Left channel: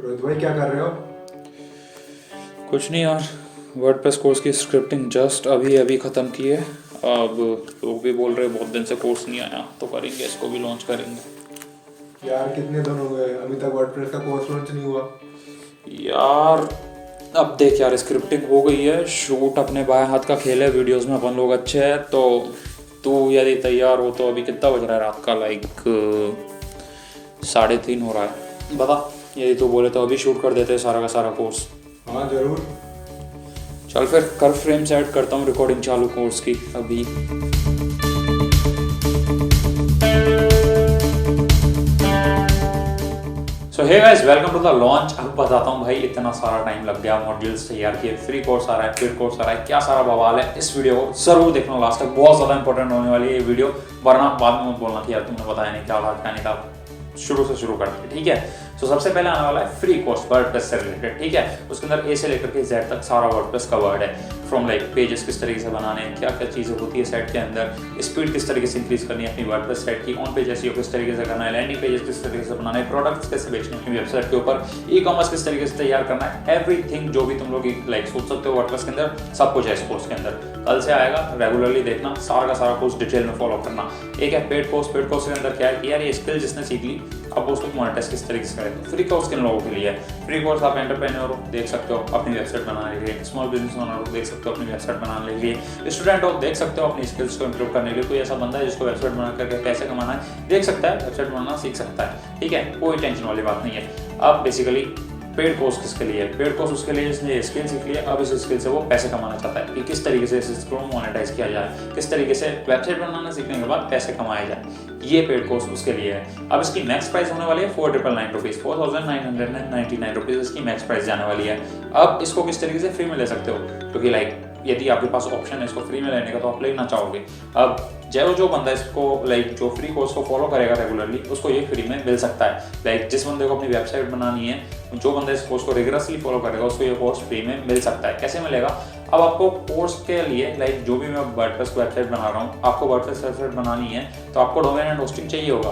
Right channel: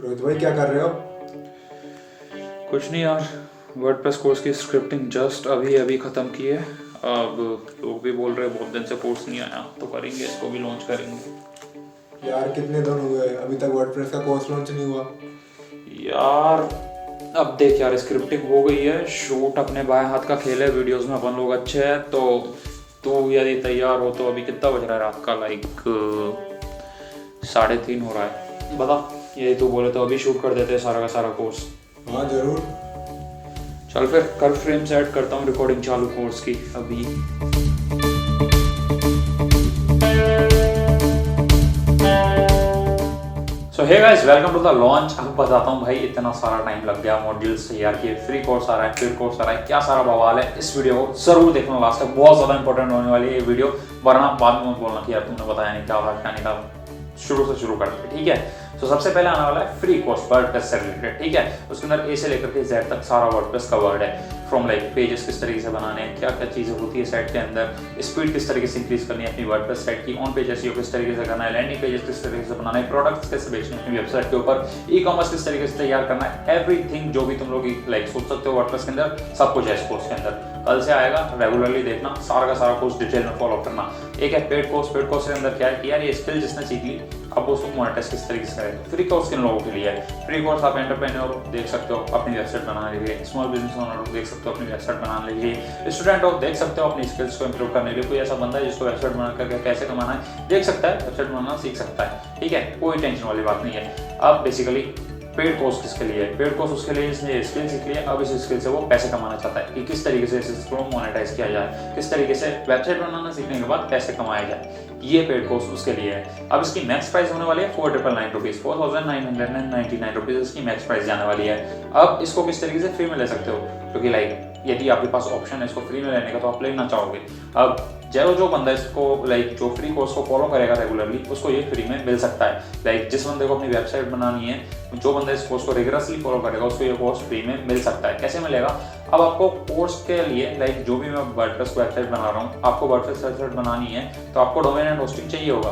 रोहित भाई क्या कर रहे हो? कुछ नहीं यार, वर्डप्रेस कोर्स की स्क्रिप्टिंग जस्ट अभी अभी ख़त्म की है। अब लोग भी बोल रहे हैं बहुत दिन से कोर्स नहीं आया, तो करेंगे, इसको भी लॉन्च करेंगे। यार कितने दिन हुए अभी तक वर्डप्रेस का कोर्स लॉन्च नहीं हुआ। यार अब देख यार, स्क्रिप्टिंग हो गई है, शूट अपने बाएं हाथ का खेल है, वीडियोस में अपन लोग अच्छे हैं। तो तू यदि तैयार हो तो अभी कितना बज रहा है रात का? 3:30 हो रहा है। बता, यदि तू बोले तो अभी शूट कर देते हैं सारा का सारा कोर्स। हाँ जरूर। चल फिर कर, फ्रेम सेट करता हूँ, रिकॉर्डिंग चालू कोर्स की अभी। So hey guys, welcome to the launch. अब बताता हूँ भाई, इतना सारा टाइम लग गया, मॉड्यूल्स तैयार किए, फ्री कोर्स आ रहा है, पेड कोर्स आ रहा है, क्या सारा बवाल है। इस वीडियो को जरूर देखना लास्ट तक, बहुत ज़्यादा इंपॉर्टेंट होने वाली है ये वीडियो, वरना बाद में मत बोलना कि यार तुमने बताया नहीं क्या था क्या नहीं था। शुरू से शुरू करते, ठीक है। तो सबसे पहले आने वाला है फ्री कोर्स वर्डप्रेस से रिलेटेड, ठीक है। उसके अंदर ए से लेकर के जेड तक सारा वर्डप्रेस कवर्ड है। फ्रॉम लाइक पेजेस किस तरीके से बनाने हैं, क्या क्या चीज़ें होती है साइट के अंदर, स्पीड किस तरीके से इंक्रीज करनी है अपनी वर्डप्रेस साइट की, ऑन पेज एसईओ किस तरीके से करना है, लैंडिंग पेजेस किस तरीके से बनाना है, प्रोडक्ट्स कैसे बेचने हैं अपनी वेबसाइट के ऊपर, ई कॉमर्स किस तरीके से तैयार करना है, एवरीथिंग जो भी तुम लोग लाइक सोच सकते हो वर्डप्रेस के अंदर, सब कुछ है इस कोर्स के अंदर। कल से आएगा, रेगुलरली देखना, सारा का सारा कोर्स डिटेल में फॉलो करना। एक है पेड कोर्स। पेड कोर्स के अंदर क्या है कि यार ये स्किल जिसने सीख ली, अब उसको मोनेटाइज किस तरीके से करेंगे। फ्री कोर्स किन लोगों के लिए है? फ्री कोर्स आप एंटरप्रेन्योर हो, देख सकते हो, अपनी वेबसाइट बना लीजिए। स्मॉल बिजनेस ओनर हो, देख सकते हो, अपनी वेबसाइट बना लीजिए। स्टूडेंट हो, देख सकते हो, अपनी स्किल्स को इंप्रूव करने के लिए। कोई ऐसा बंदा है जिसको वेबसाइट बना करके पैसे कमाना है, देख सकता है, वेबसाइट बनाना सीख सकता है, ठीक है, कोई टेंशन वाली बात नहीं है। अब बेसिकली पेड कोर्स किसके लिए है? पेड कोर्स उसके लिए जिसने स्किल सीख लिया, अब इस स्किल से वो पैसे कमाना चाहता है कि किस तरीके से इस को मोनेटाइज किया जाए, किस तरीके से वेबसाइट बनाना सीखने के बाद पैसे कमाए जाए। ये पेड कोर्स उसके लिए है। अब इसकी मैक्स प्राइस होने वाली है 4,999 रुपीज़, 4,999 रुपीज़ इसकी मैक्स प्राइस जाने वाली है। अब इसको किस तरीके से फ्री में ले सकते हो, क्योंकि लाइक यदि आपके पास ऑप्शन है इसको फ्री में लेने का तो आप लेना चाहोगे। अब जो बंदा इसको लाइक जो फ्री कोर्स को फॉलो करेगा रेगुलरली, उसको ये फ्री में मिल सकता है। लाइक जिस बंदे को अपनी वेबसाइट बनानी है, जो बंदा इस कोर्स को रेगुलरली फॉलो करेगा, उसको ये कोर्स फ्री में मिल सकता है। कैसे मिलेगा? अब आपको कोर्स के लिए लाइक जो भी मैं वर्डप्रेस वेबसाइट बना रहा हूँ, आपको वर्डप्रेस वेबसाइट बनानी है तो आपको डोमेन एंड होस्टिंग चाहिए होगा।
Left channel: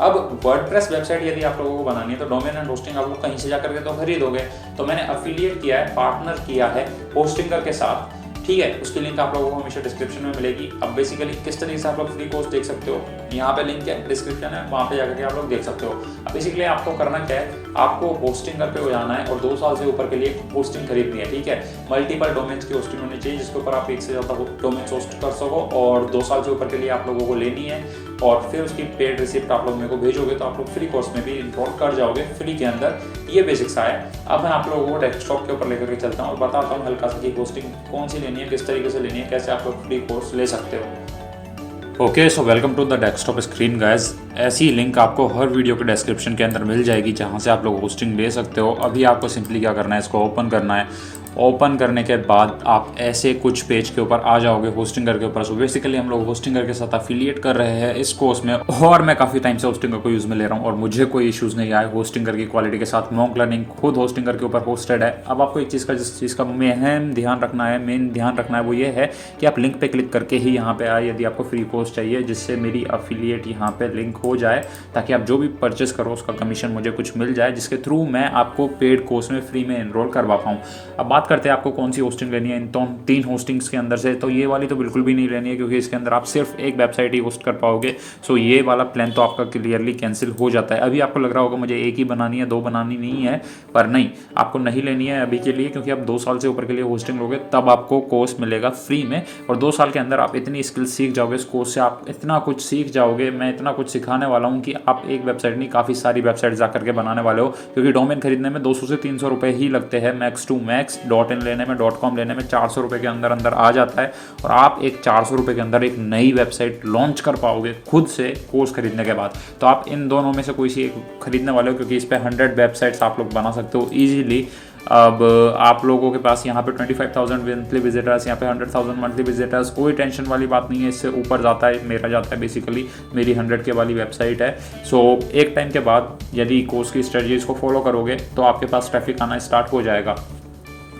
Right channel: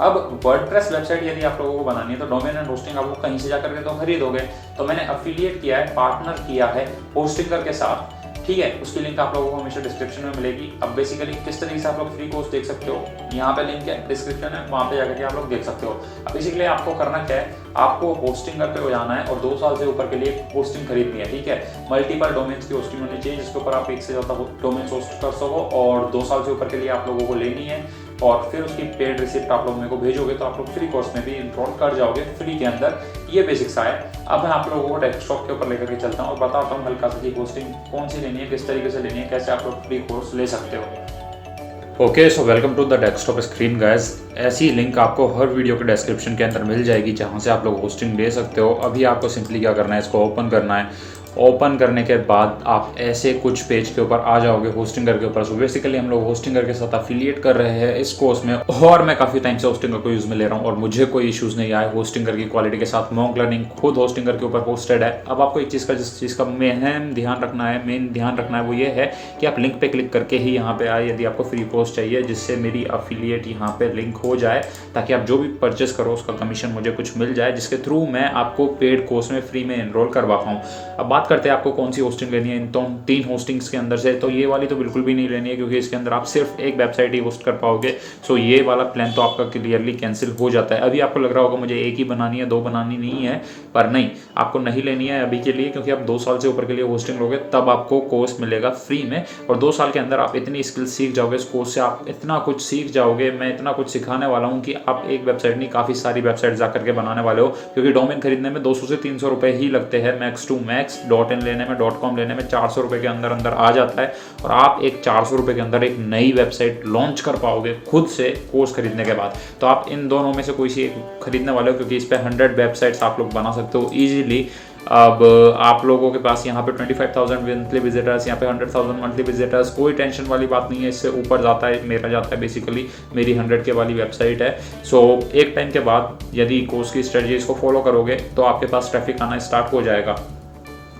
अब वर्डप्रेस वेबसाइट यदि आप लोगों को बनानी है तो डोमेन एंड होस्टिंग आप लोग कहीं से जाकर के तो खरीदोगे। तो मैंने अफिलिएट किया है, पार्टनर किया है होस्टिंगर के साथ, ठीक है। उसकी लिंक आप लोगों को हमेशा डिस्क्रिप्शन में मिलेगी। अब बेसिकली किस तरीके से आप लोग फ्री कोर्स देख सकते हो, यहाँ पे लिंक है, डिस्क्रिप्शन है, वहाँ पे जाकर के आप लोग देख सकते हो। अब बेसिकली आपको करना क्या है, आपको होस्टिंगर पे हो जाना है और 2 साल से ऊपर के लिए होस्टिंग खरीदनी है, ठीक है। मल्टीपल डोमेन्स की होस्टिंग होनी चाहिए जिसके ऊपर आप एक से ज़्यादा डोमेन्स होस्ट कर सको, और 2 साल से ऊपर के लिए आप लोगों को लेनी है। और फिर उसकी पेड रिसिप्ट आप लोग मेरे को भेजोगे तो आप लोग फ्री कोर्स में भी इन्वॉल्व कर जाओगे फ्री के अंदर। ये बेसिक्स है। अब मैं आप लोगों को डेस्कटॉप के ऊपर लेकर के चलता हूँ और बताता हूँ हल्का सा कि होस्टिंग कौन सी लेनी है, किस तरीके से लेनी है, कैसे आप लोग फ्री कोर्स ले सकते हो। Okay, so welcome to the desktop screen guys. ऐसी लिंक आपको हर वीडियो के डिस्क्रिप्शन के अंदर मिल जाएगी जहाँ से आप लोग होस्टिंग ले सकते हो। अभी आपको सिंपली क्या करना है, इसको ओपन करना है। ओपन करने के बाद आप ऐसे कुछ पेज के ऊपर आ जाओगे होस्टिंगर के ऊपर। सो बेसिकली हम लोग होस्टिंगर के साथ अफिलिएट कर रहे हैं इस कोर्स में, और मैं काफ़ी टाइम से होस्टिंगर को यूज़ में ले रहा हूँ और मुझे कोई इश्यूज़ नहीं आया होस्टिंगर की क्वालिटी के साथ। मॉक लर्निंग खुद होस्टिंगर के ऊपर होस्टेड है। अब आपको एक चीज़ का जिस चीज़ का मेन ध्यान रखना है वो ये है कि आप लिंक पे क्लिक करके ही यहाँ पे आए यदि आपको फ्री कोर्स चाहिए, जिससे मेरी अफिलिएट यहाँ पे लिंक हो जाए, ताकि आप जो भी परचेस करो उसका कमीशन मुझे कुछ मिल जाए, जिसके थ्रू मैं आपको पेड कोर्स में फ्री में एनरोल करवा पाऊँ। अब बात करते हैं आपको कौन सी होस्टिंग लेनी है इन 3 होस्टिंग्स के अंदर से। तो ये वाली तो बिल्कुल भी नहीं लेनी है, क्योंकि इसके अंदर आप सिर्फ एक वेबसाइट ही होस्ट कर पाओगे। सो ये वाला प्लान तो आपका क्लियरली कैंसिल हो जाता है। अभी आपको लग रहा होगा मुझे एक ही बनानी है, 2 बनानी नहीं है, पर नहीं, आपको नहीं लेनी है अभी के लिए, क्योंकि आप 2 साल से ऊपर के लिए होस्टिंग लोगे तब आपको कोर्स मिलेगा फ्री में। और 2 साल के अंदर आप इतनी स्किल्स सीख जाओगे इस कोर्स से, आप इतना कुछ सीख जाओगे, मैं इतना कुछ सिखाने वाला हूँ कि आप एक वेबसाइट नहीं काफ़ी सारी वेबसाइट जाकर के बनाने वाले हो। क्योंकि डोमेन खरीदने में 200 से 300 रुपये ही लगते हैं मैक्स टू मैक्स। .in लेने में, .com लेने में 400 रुपये के अंदर आ जाता है, और आप एक 400 रुपये के अंदर एक नई वेबसाइट लॉन्च कर पाओगे खुद से कोर्स खरीदने के बाद। तो आप इन दोनों में से कोई सी एक खरीदने वाले हो, क्योंकि इस पर 100 वेबसाइट्स आप लोग बना सकते हो ईजिली। अब आप लोगों के पास यहाँ पे 25,000 मंथली विजिटर्स, यहाँ पे 100,000 मंथली विजिटर्स, कोई टेंशन वाली बात नहीं है। इससे ऊपर जाता है मेरा जाता है, बेसिकली मेरी 100 के वाली वेबसाइट है। सो एक टाइम के बाद यदि कोर्स की स्ट्रेटजीज को फॉलो करोगे तो आपके पास ट्रैफिक आना स्टार्ट हो जाएगा।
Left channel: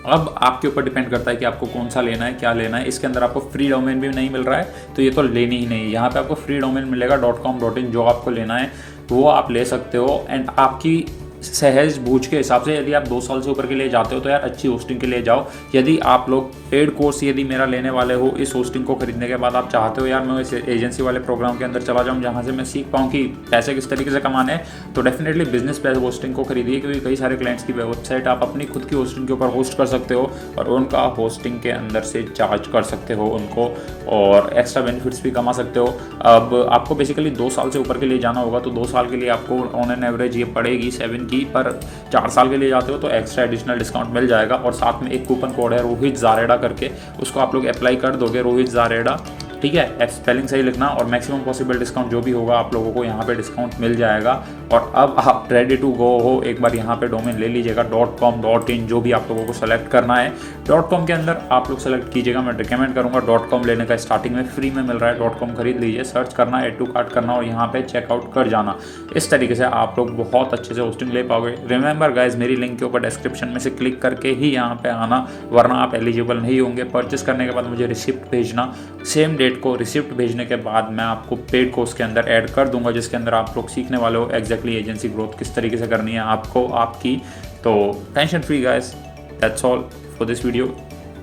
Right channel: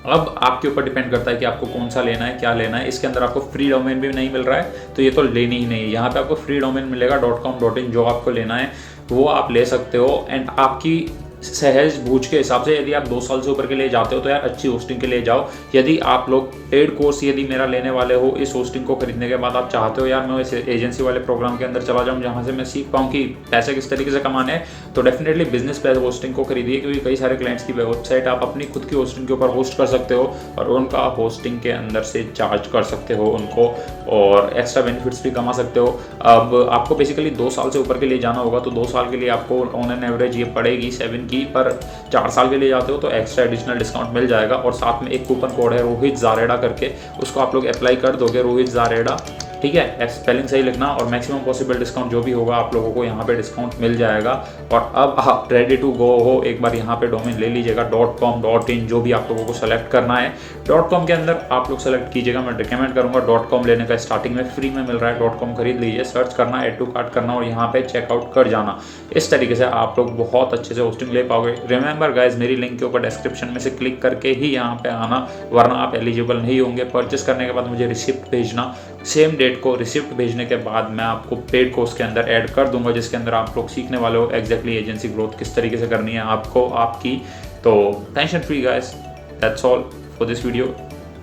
अब आपके ऊपर डिपेंड करता है कि आपको कौन सा लेना है, क्या लेना है। इसके अंदर आपको फ्री डोमेन भी नहीं मिल रहा है तो ये तो लेनी ही नहीं है। यहाँ पे आपको फ्री डोमेन मिलेगा .com .in जो आपको लेना है। वो आप ले सकते हो। एंड आपकी सहज बूझ के हिसाब से यदि आप 2 साल से ऊपर के लिए जाते हो तो यार अच्छी होस्टिंग के लिए जाओ। यदि आप लोग पेड कोर्स यदि मेरा लेने वाले हो, इस होस्टिंग को खरीदने के बाद आप चाहते हो यार मैं इस एजेंसी वाले प्रोग्राम के अंदर चला जाऊँ जहाँ से मैं सीख पाऊँ कि पैसे किस तरीके से कमाने हैं, तो डेफिनेटली बिजनेस प्लस होस्टिंग को खरीदिए, क्योंकि कई सारे क्लाइंट्स की वेबसाइट आप अपनी खुद की होस्टिंग के ऊपर होस्ट कर सकते हो और उनका होस्टिंग के अंदर से चार्ज कर सकते हो उनको, और एक्स्ट्रा बेनिफिट्स भी कमा सकते हो। अब आपको बेसिकली 2 साल से ऊपर के लिए जाना होगा, तो 2 साल के लिए आपको ऑन एन एवरेज ये पड़ेगी 7 की, पर 4 साल के लिए जाते हो तो एक्स्ट्रा एडिशनल डिस्काउंट मिल जाएगा। और साथ में एक कूपन कोड है रोहित जारेडा करके, उसको आप लोग अप्लाई कर दोगे, रोहित जारेडा, ठीक है, स्पेलिंग सही लिखना, और मैक्सिमम पॉसिबल डिस्काउंट जो भी होगा आप लोगों को यहाँ पे डिस्काउंट मिल जाएगा। और अब आप रेडी टू गो हो, एक बार यहाँ पे डोमेन ले लीजिएगा .com .in जो भी आप लोगों को सेलेक्ट करना है। .com के अंदर आप लोग सेलेक्ट कीजिएगा, मैं रिकमेंड करूँगा .com लेने का, स्टार्टिंग में फ्री में मिल रहा है। .com खरीद लीजिए, सर्च करना, ऐड टू कार्ट करना और यहाँ पे चेकआउट कर जाना। इस तरीके से आप लोग बहुत अच्छे से होस्टिंग ले पाओगे। रिमेंबर गाइज, मेरी लिंक के ऊपर डिस्क्रिप्शन में से क्लिक करके ही यहाँ पे आना, वरना आप एलिजिबल नहीं होंगे। परचेस करने के बाद मुझे रिसिप्ट भेजना, सेम डेट को रिसिप्ट भेजने के बाद मैं आपको पेड कोर्स के अंदर ऐड कर दूंगा, जिसके अंदर आप लोग सीखने वाले हो एग्जैक्टली एजेंसी ग्रोथ किस तरीके से करनी है आपको आपकी। तो tension free guys, that's all for this video.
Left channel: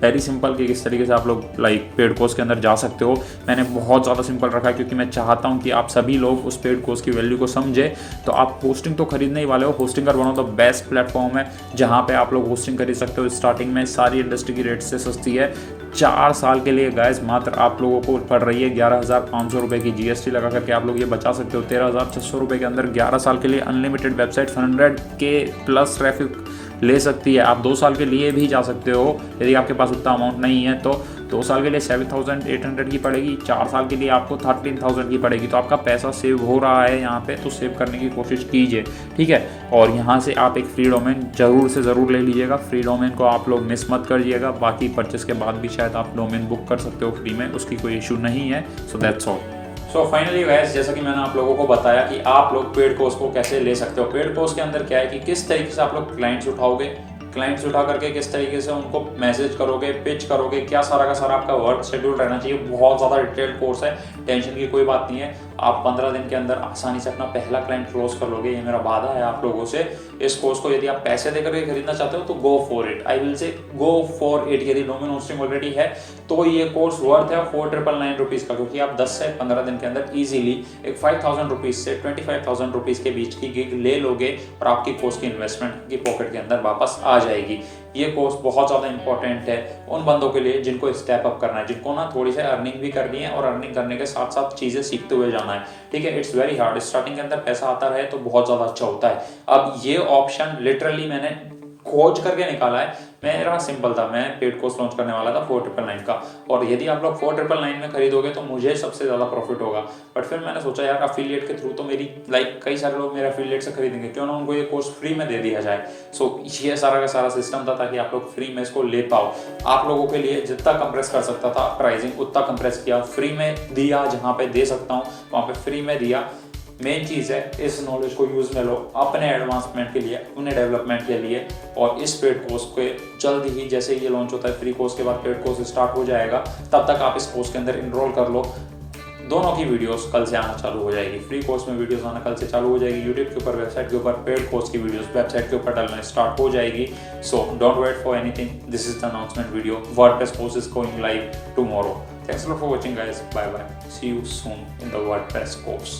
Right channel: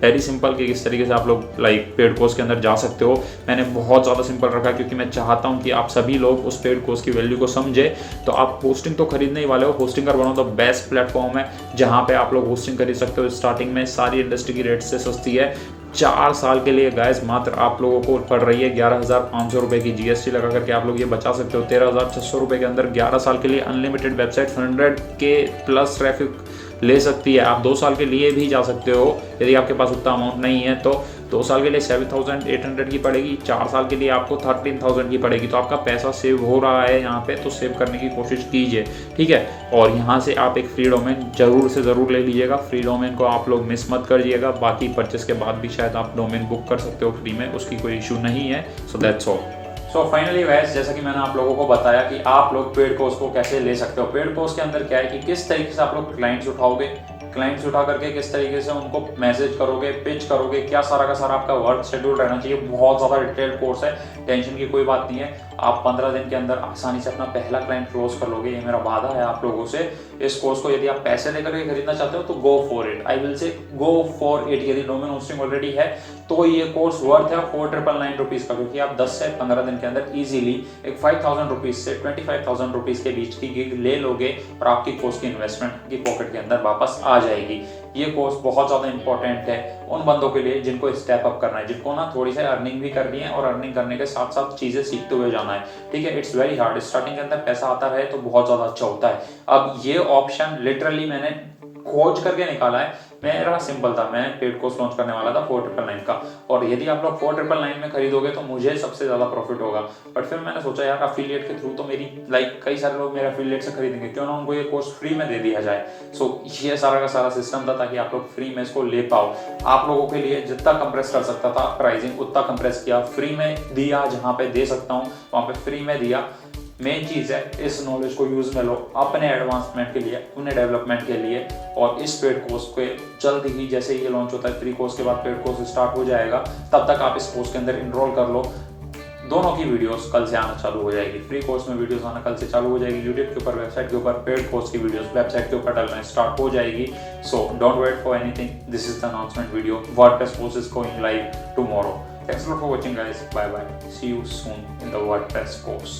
Very simple कि किस तरीके से आप लोग पेड कोर्स के अंदर जा सकते हो। मैंने बहुत ज़्यादा सिंपल रखा है क्योंकि मैं चाहता हूं कि आप सभी लोग उस पेड कोर्स की वैल्यू को समझे। तो आप होस्टिंग तो खरीदने ही वाले हो, hosting one of the best platform है जहां पे आप लोग होस्टिंग खरीद सकते हो। स्टार्टिंग में सारी इंडस्ट्री की रेट से सस्ती है। 4 साल के लिए गाइस मात्र आप लोगों को पड़ रही है 11,500 रुपये की। GST लगा करके आप लोग ये बचा सकते हो 13,600 रुपये के अंदर 11 साल के लिए unlimited website 100K plus traffic ले सकती है। आप 2 साल के लिए भी जा सकते हो यदि आपके पास उतना अमाउंट नहीं है तो। 2 साल के लिए 7,800 की पड़ेगी, 4 साल के लिए आपको 13,000 की पड़ेगी। तो आपका पैसा सेव हो रहा है यहाँ पे, तो सेव करने की कोशिश कीजिए, ठीक है। और यहाँ से आप एक फ्री डोमेन जरूर से ज़रूर ले लीजिएगा। फ्री डोमेन को आप लोग मिस मत करिएगा। बाकी परचेस के बाद भी शायद आप डोमेन बुक कर सकते हो फ्री में, उसकी कोई इशू नहीं है। So that's all. So finally guys, जैसा कि मैंने आप लोगों को बताया कि आप लोग पेड कोर्स को कैसे ले सकते हो। पेड कोर्स के अंदर क्या है कि किस तरीके से आप लोग क्लाइंट्स उठाओगे, क्लाइंट्स उठा करके किस तरीके से उनको मैसेज करोगे, पिच करोगे, क्या सारा का सारा आपका वर्क शेड्यूल रहना चाहिए। बहुत ज़्यादा डिटेल्ड कोर्स है, टेंशन की कोई बात नहीं है। आप 15 दिन के अंदर आसानी से अपना पहला क्लाइंट क्लोज कर लोगे, ये मेरा वादा है आप लोगों से। इस कोर्स को यदि आप पैसे देकर के खरीदना चाहते हो तो go for it, I will say go for it. यदि डोमेन होस्टिंग ऑलरेडी है तो ये कोर्स वर्थ है 4,999 रुपीज़ का, क्योंकि आप 10 से 15 दिन के अंदर ईजिली एक 5,000 रुपीज़ से 25,000 रुपीज़ के बीच की गिग ले लोगे और आपकी कोर्स की इन्वेस्टमेंट की पॉकेट के अंदर वापस आ जाएगी। ये कोर्स बहुत ज़्यादा इंपॉर्टेंट है उन बंदों के लिए जिनको स्टेप अप करना है, जिनको ना थोड़ी सी अर्निंग भी करनी है और अर्निंग करने के साथ साथ चीज़ें सीखते हुए जाना है, ठीक है। इट्स वेरी हार्ड, स्टार्टिंग के अंदर पैसा आता रहे तो बहुत ज़्यादा अच्छा होता है। अब ये ऑप्शन लिटरली मैंने खोज करके निकाला है। मेरा सिंपल था, मैं पेड कोर्स लॉन्च करने वाला था 4,999 का, और यदि आप लोग 4,999 में खरीदोगे तो मुझे सबसे ज़्यादा प्रॉफिट होगा। बट फिर मैंने सोचा यार अफिलिएट के थ्रू तो मेरी कई सारे लोग मेरे अफिलिएट से खरीदेंगे, क्यों ना उनको ये कोर्स फ्री में दे दिया जाए। सो ये सारा का सारा सिस्टम था ताकि आप लोग फ्री में इसको ले पाओ। आप लोगों के लिए जितना कंप्रेस कर सकता था प्राइसिंग उतना कंप्रेस किया, फ्री में दिया, जहाँ पे दे सकता हूँ वहाँ पे फ्री में दिया। मेन चीज़ है इस नॉलेज को यूज़ में लो अपने एडवांसमेंट के लिए, अपने डेवलपमेंट के लिए। और इस पेड कोर्स को जल्द ही जैसे ये लॉन्च होता है, फ्री कोर्स के बाद पेड कोर्स स्टार्ट हो जाएगा, तब तक आप इस कोर्स के अंदर इनरोल कर लो। दोनों की वीडियोस कल से आना चालू हो जाएगी। फ्री कोर्स में वीडियोस आना कल से चालू हो जाएगी यूट्यूब के ऊपर, वेबसाइट के ऊपर। पेड कोर्स की वीडियोस वेबसाइट के ऊपर डलना स्टार्ट हो जाएगी। So don't wait for anything, this is the announcement video. WordPress course is going live tomorrow. Thanks a lot for watching guys. Bye bye. See you soon in the WordPress course.